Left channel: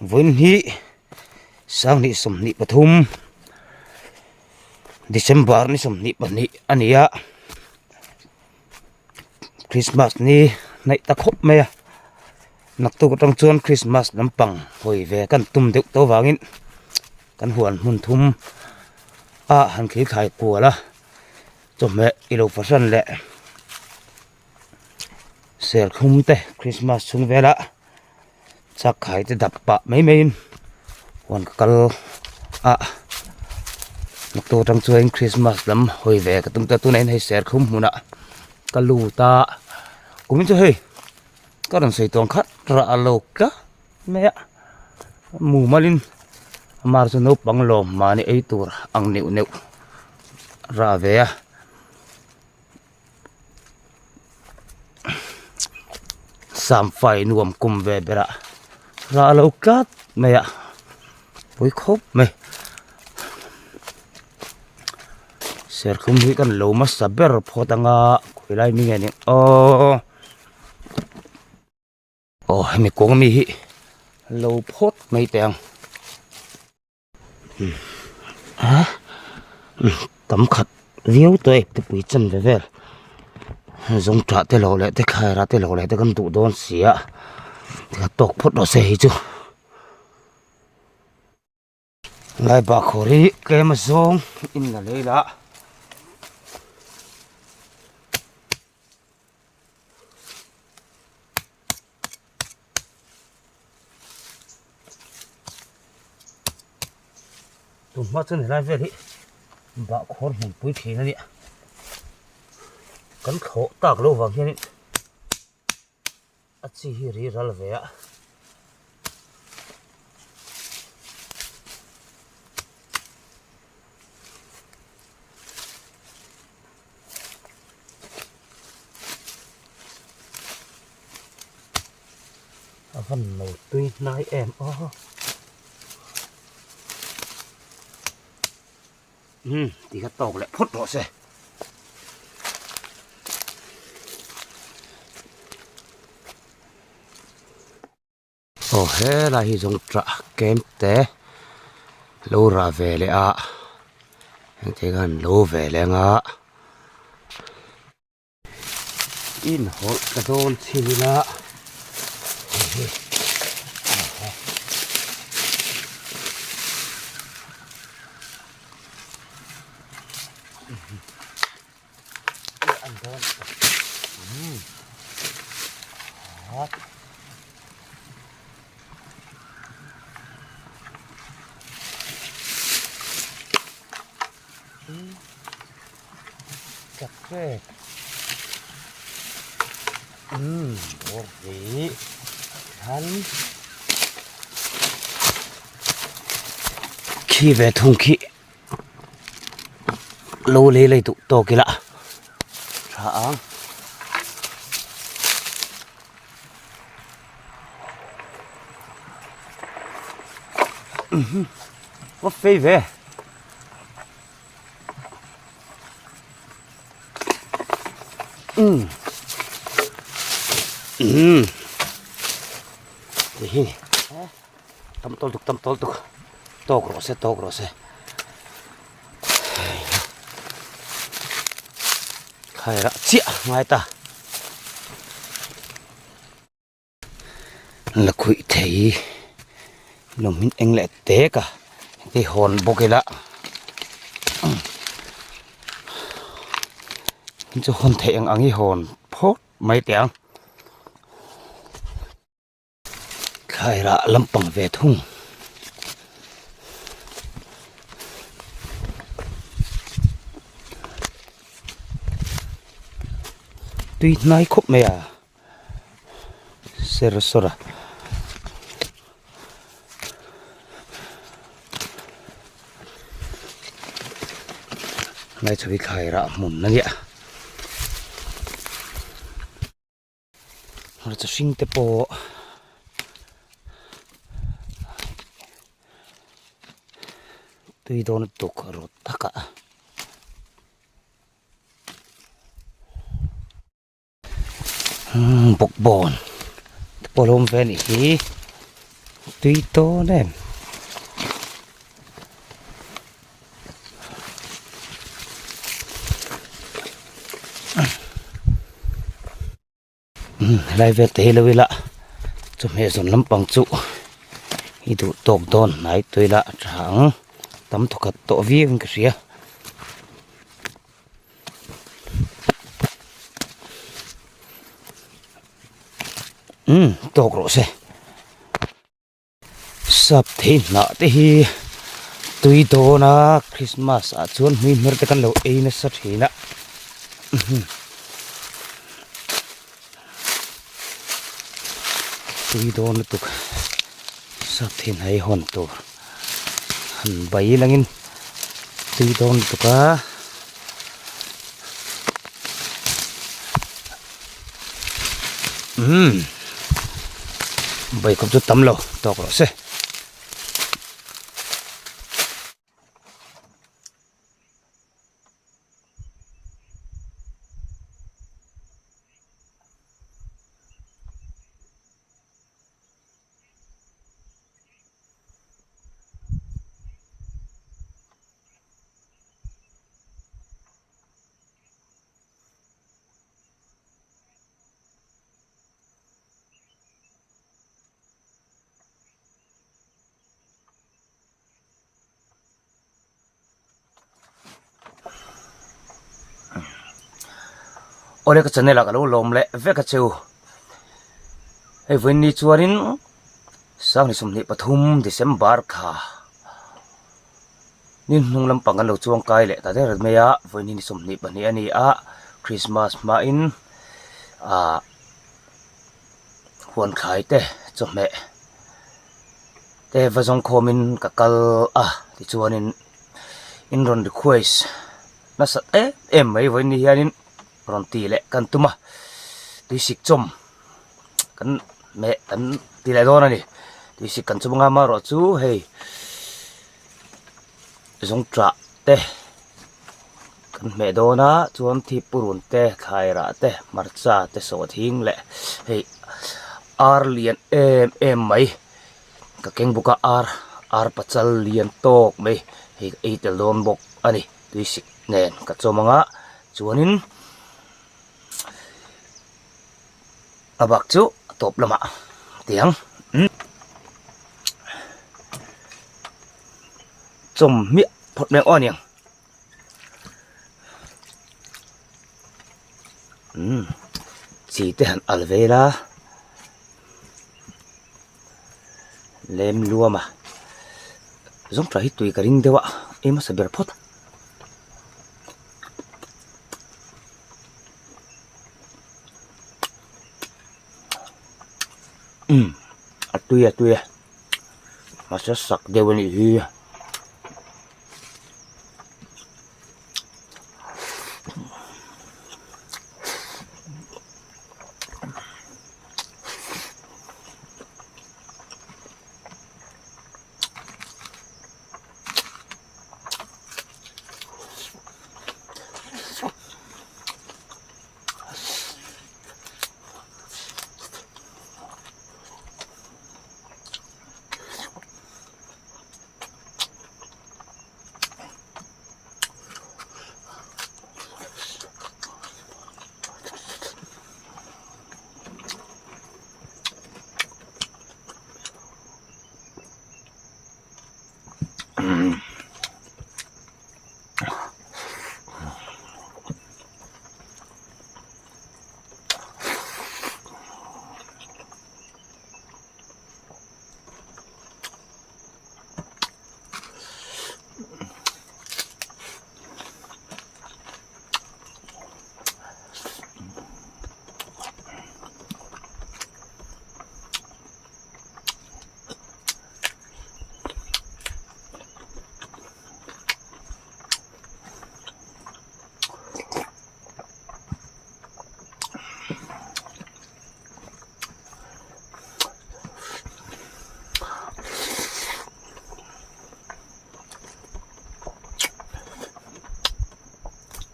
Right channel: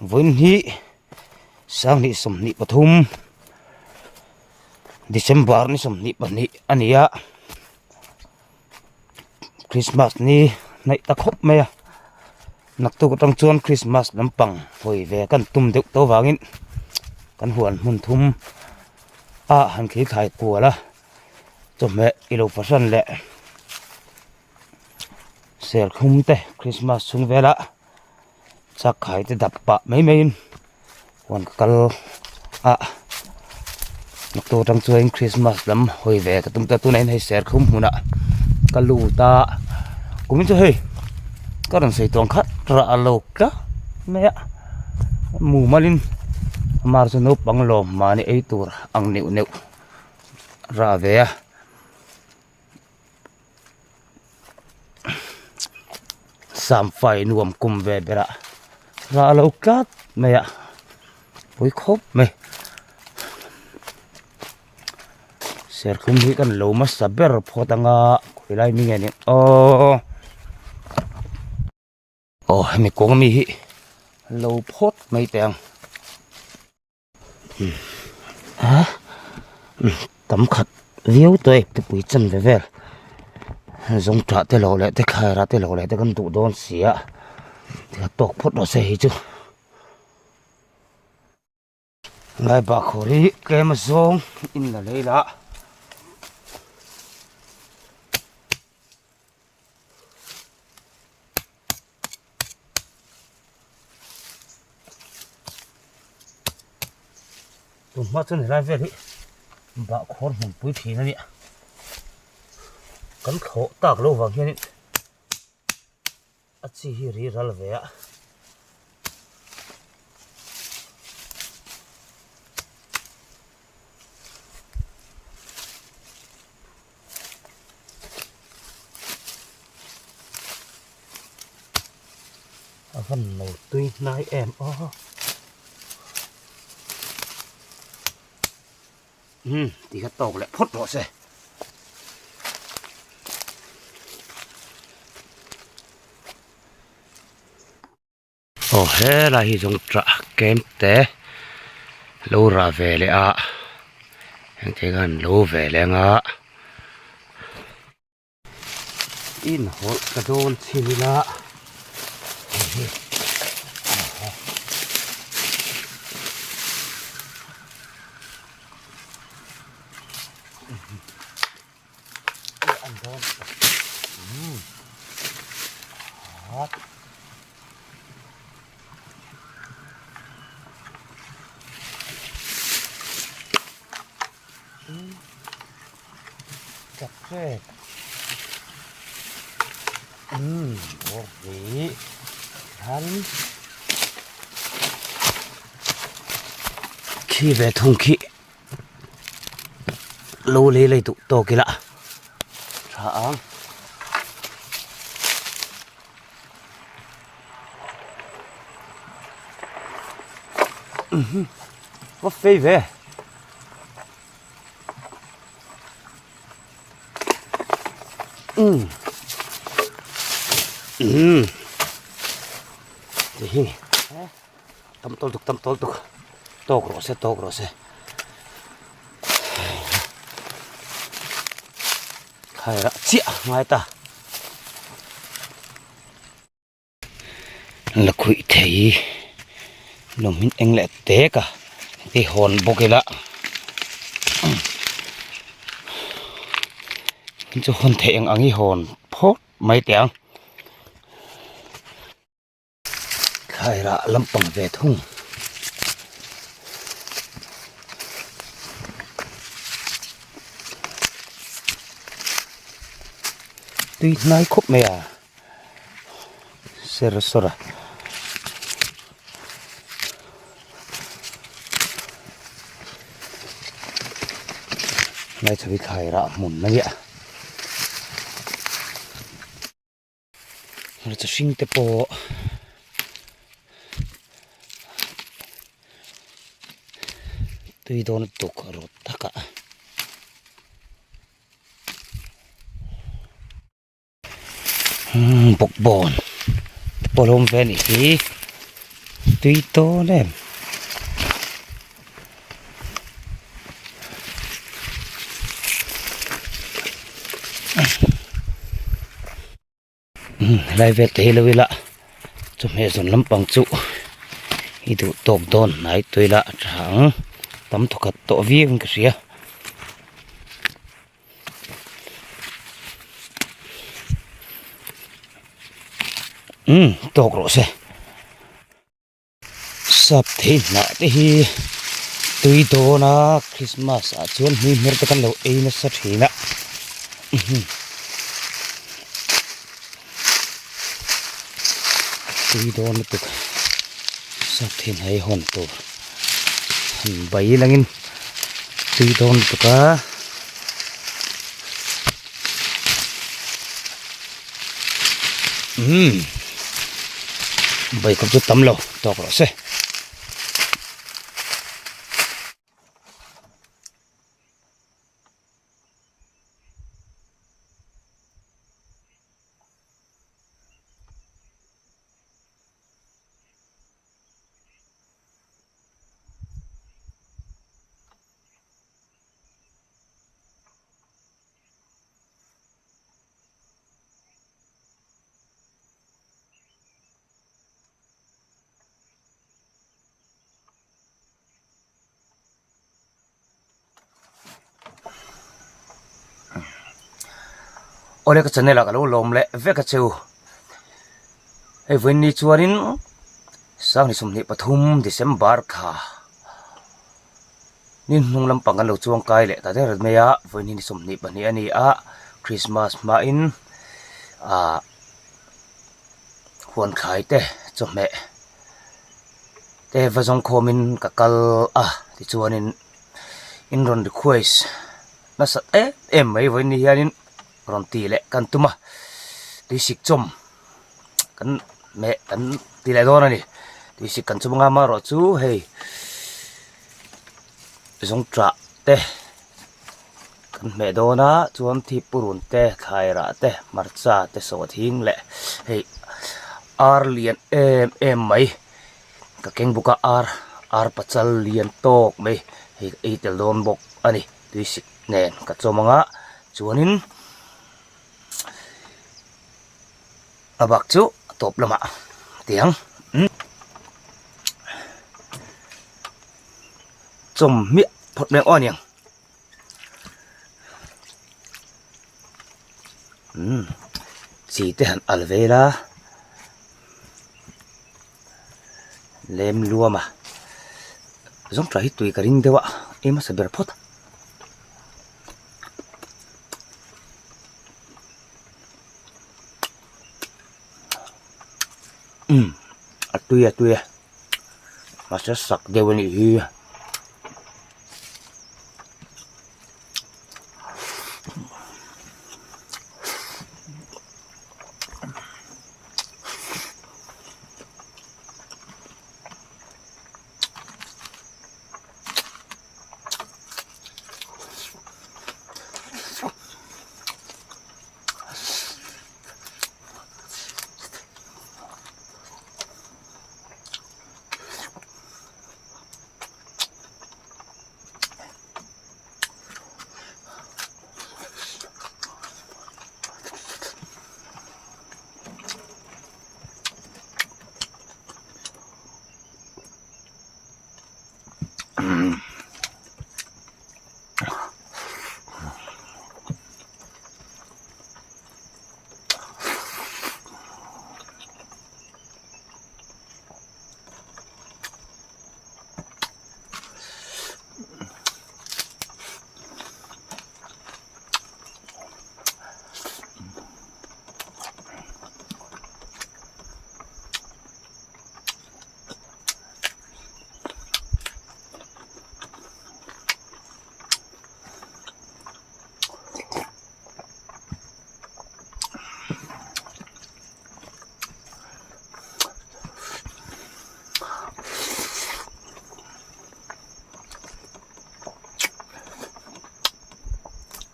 Vốn hi sang ni som ni pathum December ni som ni pani ania Christmas ni nai ta khop me nak tu tang chuan Christmas lampang hoi ve kan tum deuh to wangin kan huan mun thum han khi khai puala chome ilo fasan le ser khum te Christmas sung vela chắc khai te dap pa mai mai huan kal nak tu tang chuan Christmas lam hoi ve ka tum ta tu nei hei ser khum huna kalu ta cũng cho hey các đồng xây toàn khát ra lộc đó mẹ mù malin mà cho nó bằng lòm mà này ấy tour ăn nịu nịu ra về sam phải nuông cùng về đây ra lộc cát mẹ với khóc mẹ sẽ không biết cái lỗ mà sắp bể phô tăng quay lại mình nghe mày cũng mi lỗ phốt mấy tiền tấm khát liêu tôi cái bụi chân về về giống trả tới lỗ lại tới khai ra tới lỗ lại tới con tụ đôn xía thì tộc phốt đó sẽ chứ ngay bà khổ đi cái mà giống in là lấy đã tụm mắt chân này lại về đi bạo khốn một bụi phí nữa đi cắn khổ tạc lâu vàng kia đi chỉ hi ra là về ạ phần đầu tuy nãy em thì cái tàu lại phốt rõ xe thế là hi dùng trả kém té lâu ra về lại anh thấy gần lâu về lại in hột cái đôn chi là ăn đôn hot cà phê bột vị hắn khi về thùng khí lô lê lấy tụ to kia lạ sao có phê về tâm tol tục to rồi hay là chia ngay ta là quỷ thấy nó mình anh lại té cả cái hồn bốc cái lạ cho hồn thấy anh ăn cái hồn phốt mấy tiếng hay là lâm bằng về thùng tuy nói khúc mẹ sera này cho cái khai ra mùn nó vậy nó cho sinh tế bộ tuy đó nó tục ở rốt tất cả bọc bồn bồn hôm về này ตุยโตแน่ไล่เวทเฮลวิละจมเฮสนลำปังจุฮิดูตกโดนไหนตุยละถังตำทุกข์ตัววิ่งกระเสียตกรถเสสับที่หน้าที่ตุยโตนะคริสต์มาสชวนมีเมื่อตะกันเราเองนะสับที่นะตุยโตนะตุกสับที่ไหนหอนตัวหันใบลังอินตุยโตนะตุกะใบกับจุดตำเราตอกเราเสโอเลก็จะเนี่ยละก็รู้ลมเละเวกเชียวไอ้วันนี้ชวนนินสักนิสมนิปฐุมเดซบาร์ค่ะนินนุ่งลำปังกันเราช่วงไกลเละแต่ได้รถเมียวันนี้นิสมนิปันนี้อันนี้คริสต์มาสมาอินหวนขายเต้จบแม่เต้ว่าจงโคมินกับกัลที่ชวนนินอินรอนดิควสน่าสัตไม่วันนี้นินรอนตีเละกันตุมาดิสิกจมกันแม่กันตีเละโดนนี่ดิสิกกันจมงามารอจูเฮ้ยสงตระเตกันแม่โดนะจวนที่ปุรุนเตไทยระเตมาร์จ้าเตสวัสดิงเละเฮ้ยอาร์เลียนไหมก็เก่งบุกอาร์ปัจจัลเลียนโตกไหมเฮ้ยไอเตลโดนบกอันนี้ดิสิกเน่นกับจมงะจวนินบักจูตบละมาเตียงจมเมียพดแมงอ้อนยังสีเตหันอัลเวลาเลมลัวมาจงตรายตุยกระดิ่งเดวะมาสเบรพดatuya masasak dewan ini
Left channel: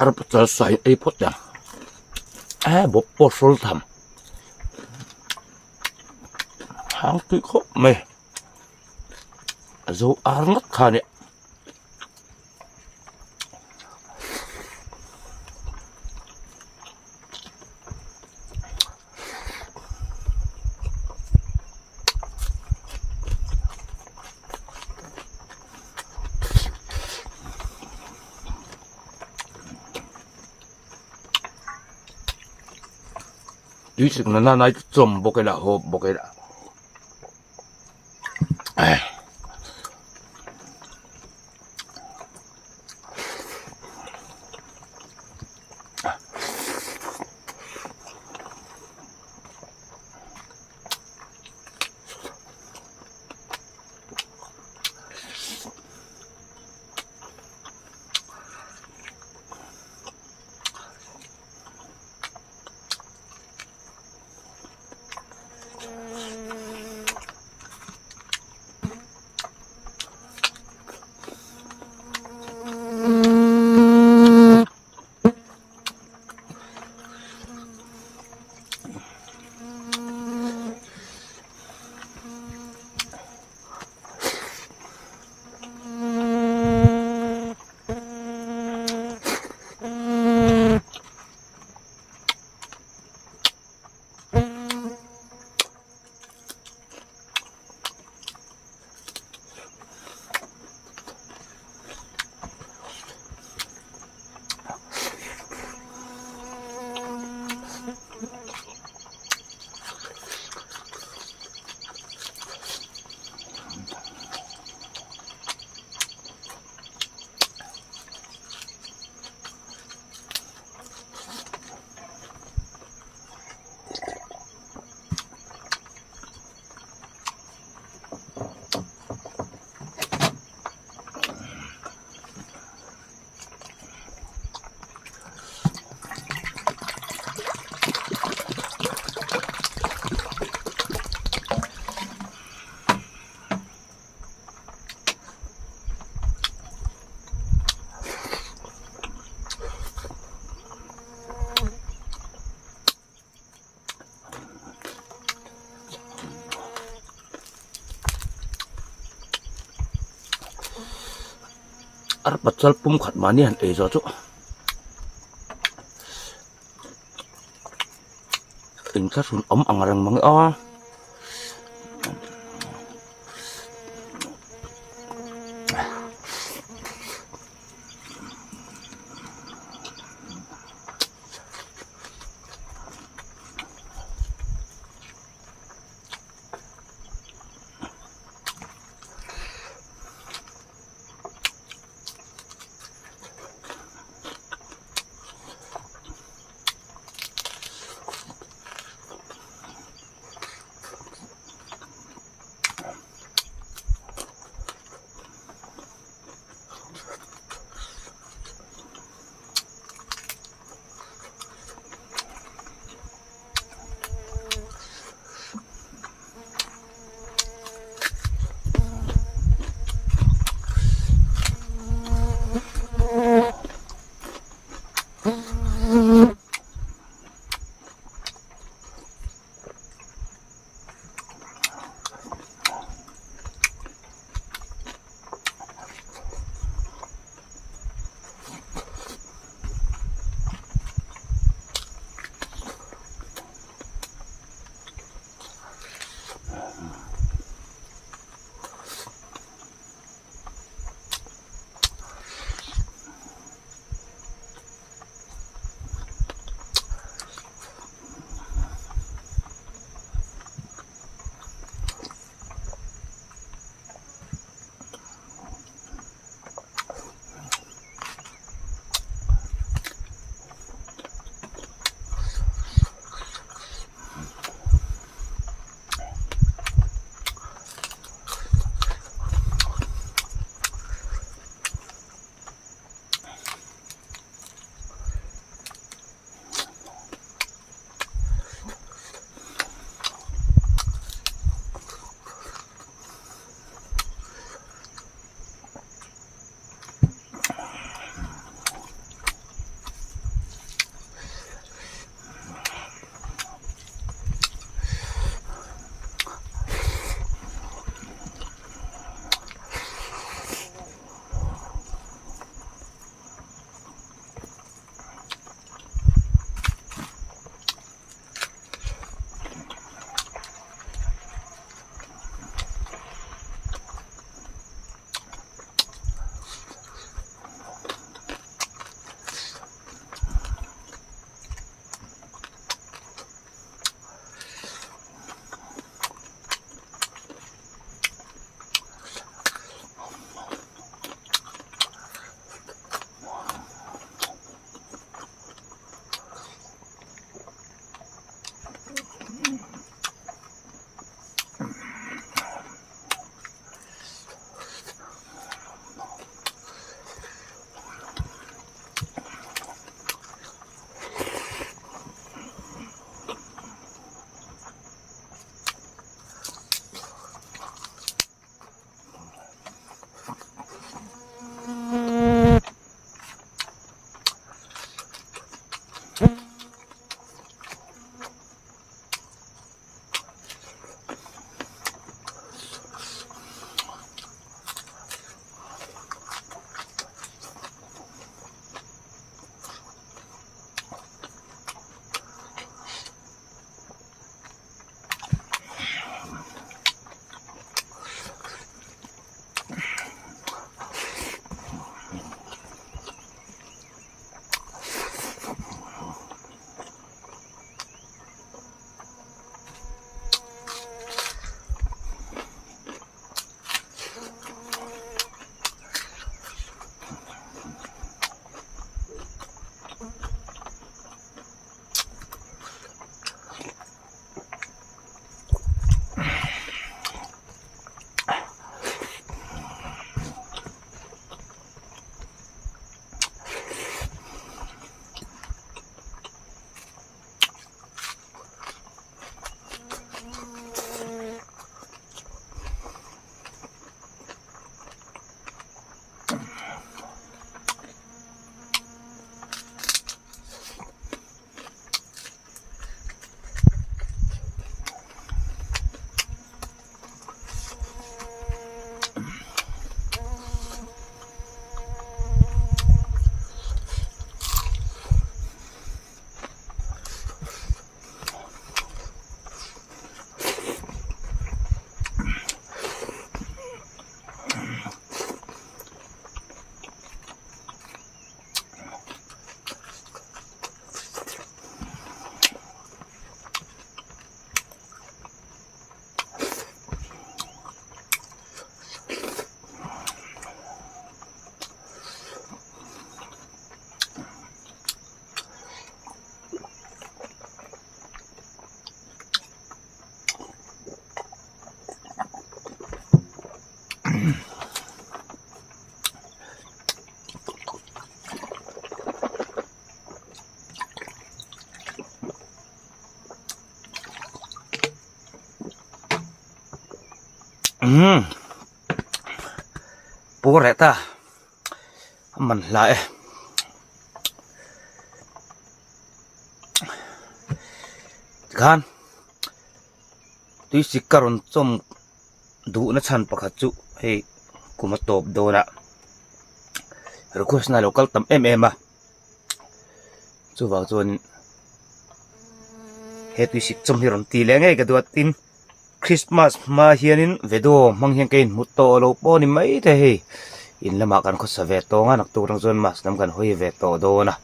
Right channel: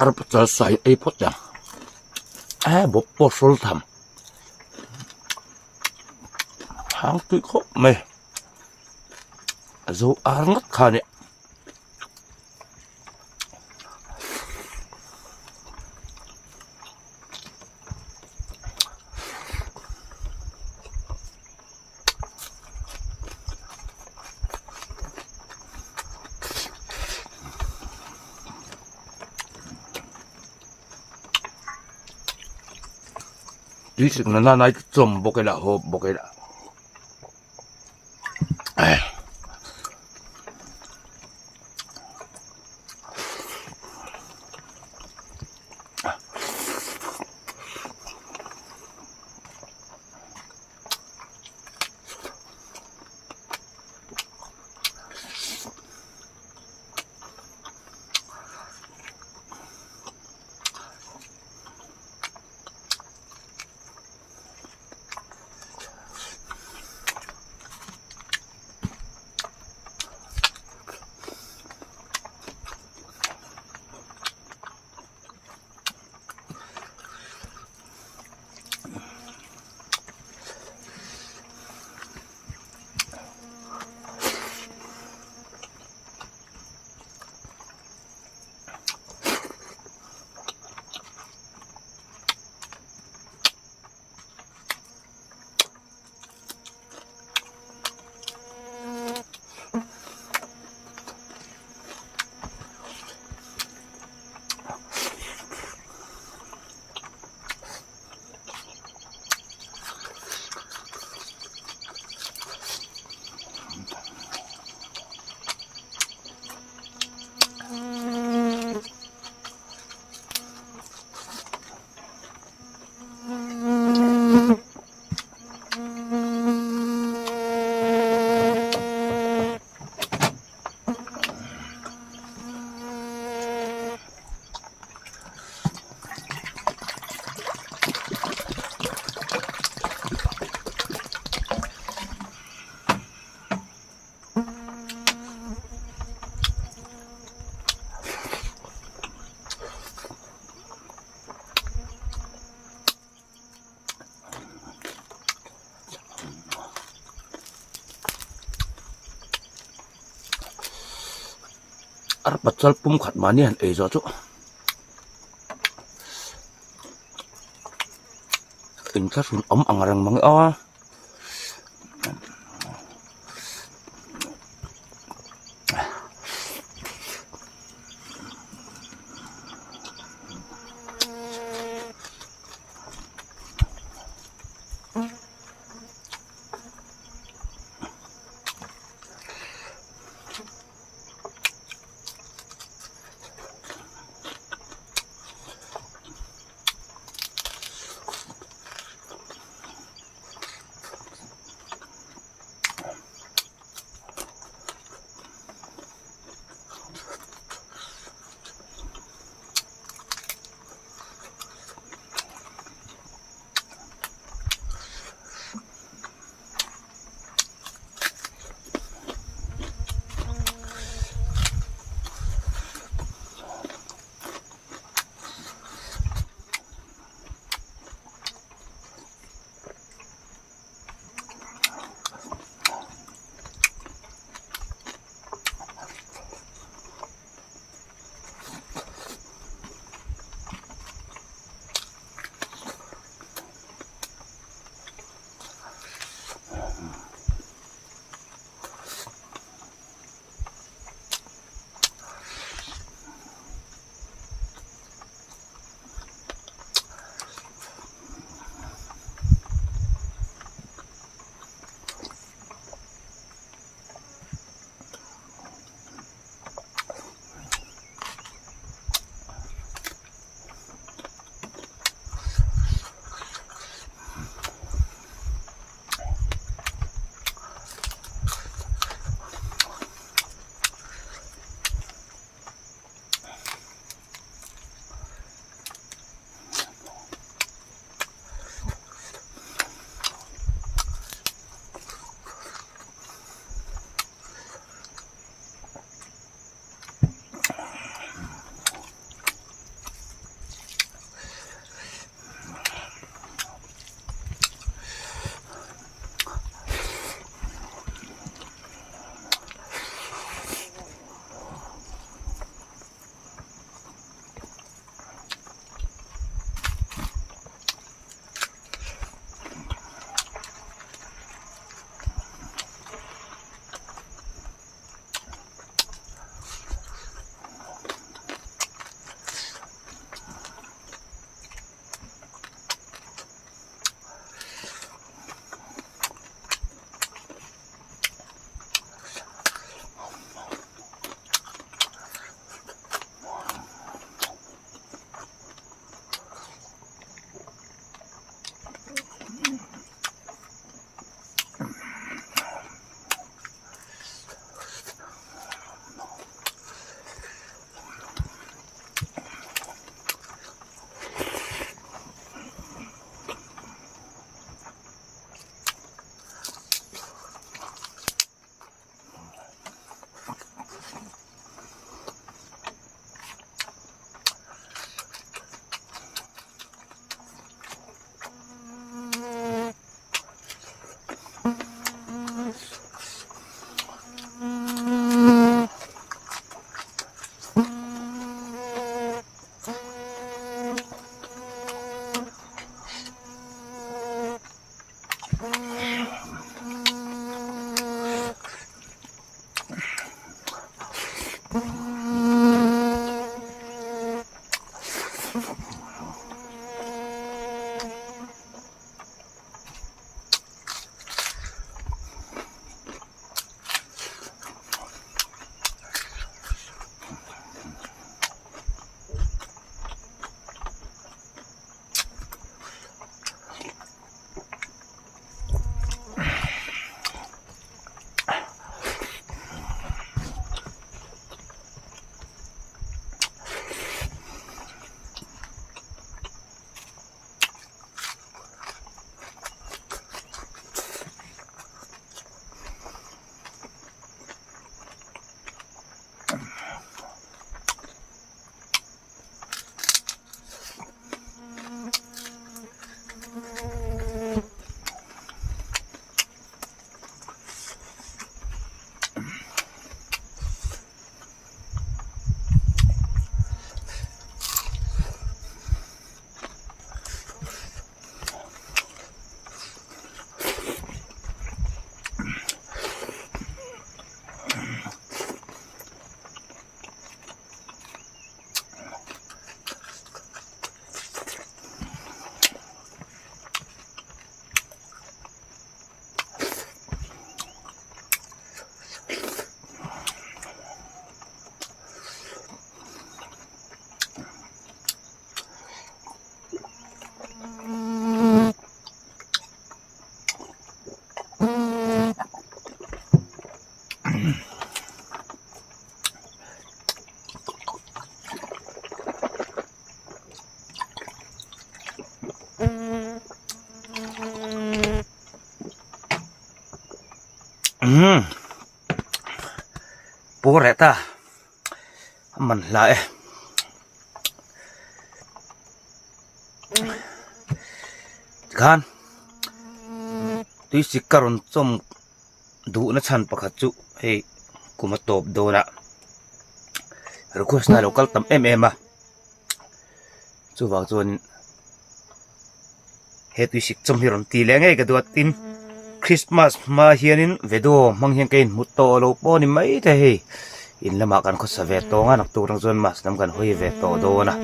Arab selesai potnya bopor full tham hang tu kok meh zo arngat khane tuy sự nó nói chồm bộ cái là hộp bộ cái là ar patsal pum khat mani han e zo chu in tla sun om angarang mang a bố rẻ ta mình lại kan tuy sĩ karon som du na chan pakhat chu hei kuma top do na request na local tam a chu wa chuan he tuy sĩ chom hiron ti le ngai ka du tin Christmas ma hianin vedo mang hian kein mut to lo po ni mai the hei in lama kan kho sa ve to nga nak tu rang chuan mas nam kan hoi ve to do na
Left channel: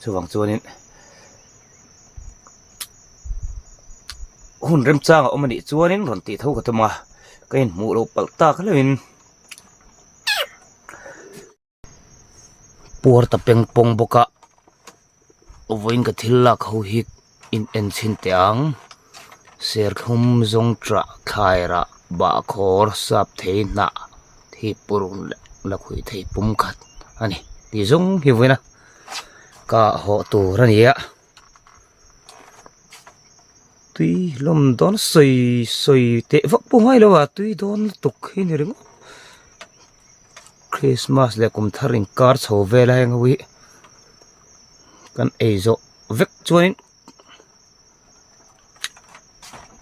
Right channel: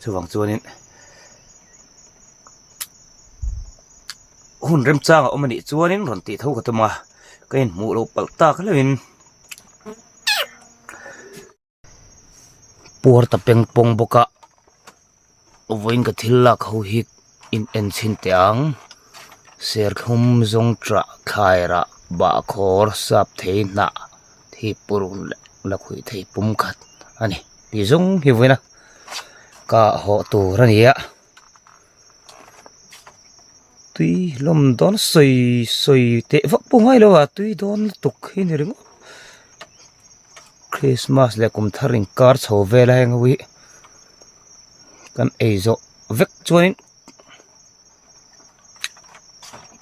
chu wang chuanin hun rem chang a omani chuanin ron ti tho ka tama kain mu lo palta khalin por ta peng pong boka ovoin ka thilla kho hi in en chin te ang ser khum zong tra khaira ba khor sap theina thi purun la khui thei pum khat ani ti zong hi voina ka ho tu rania tuy lom don soi soi te vak pu ngai lo wa tuy don tuk hi ni ring Christmas le kum tharing kar chho vela heng wi kan eizo vek chuanin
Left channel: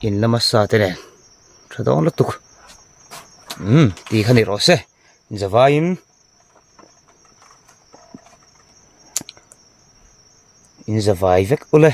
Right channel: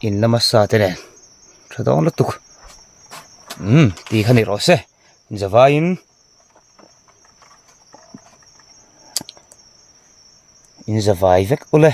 in lama sa te ne thadong la tuk ti khani ro se zawain in zawai vek ule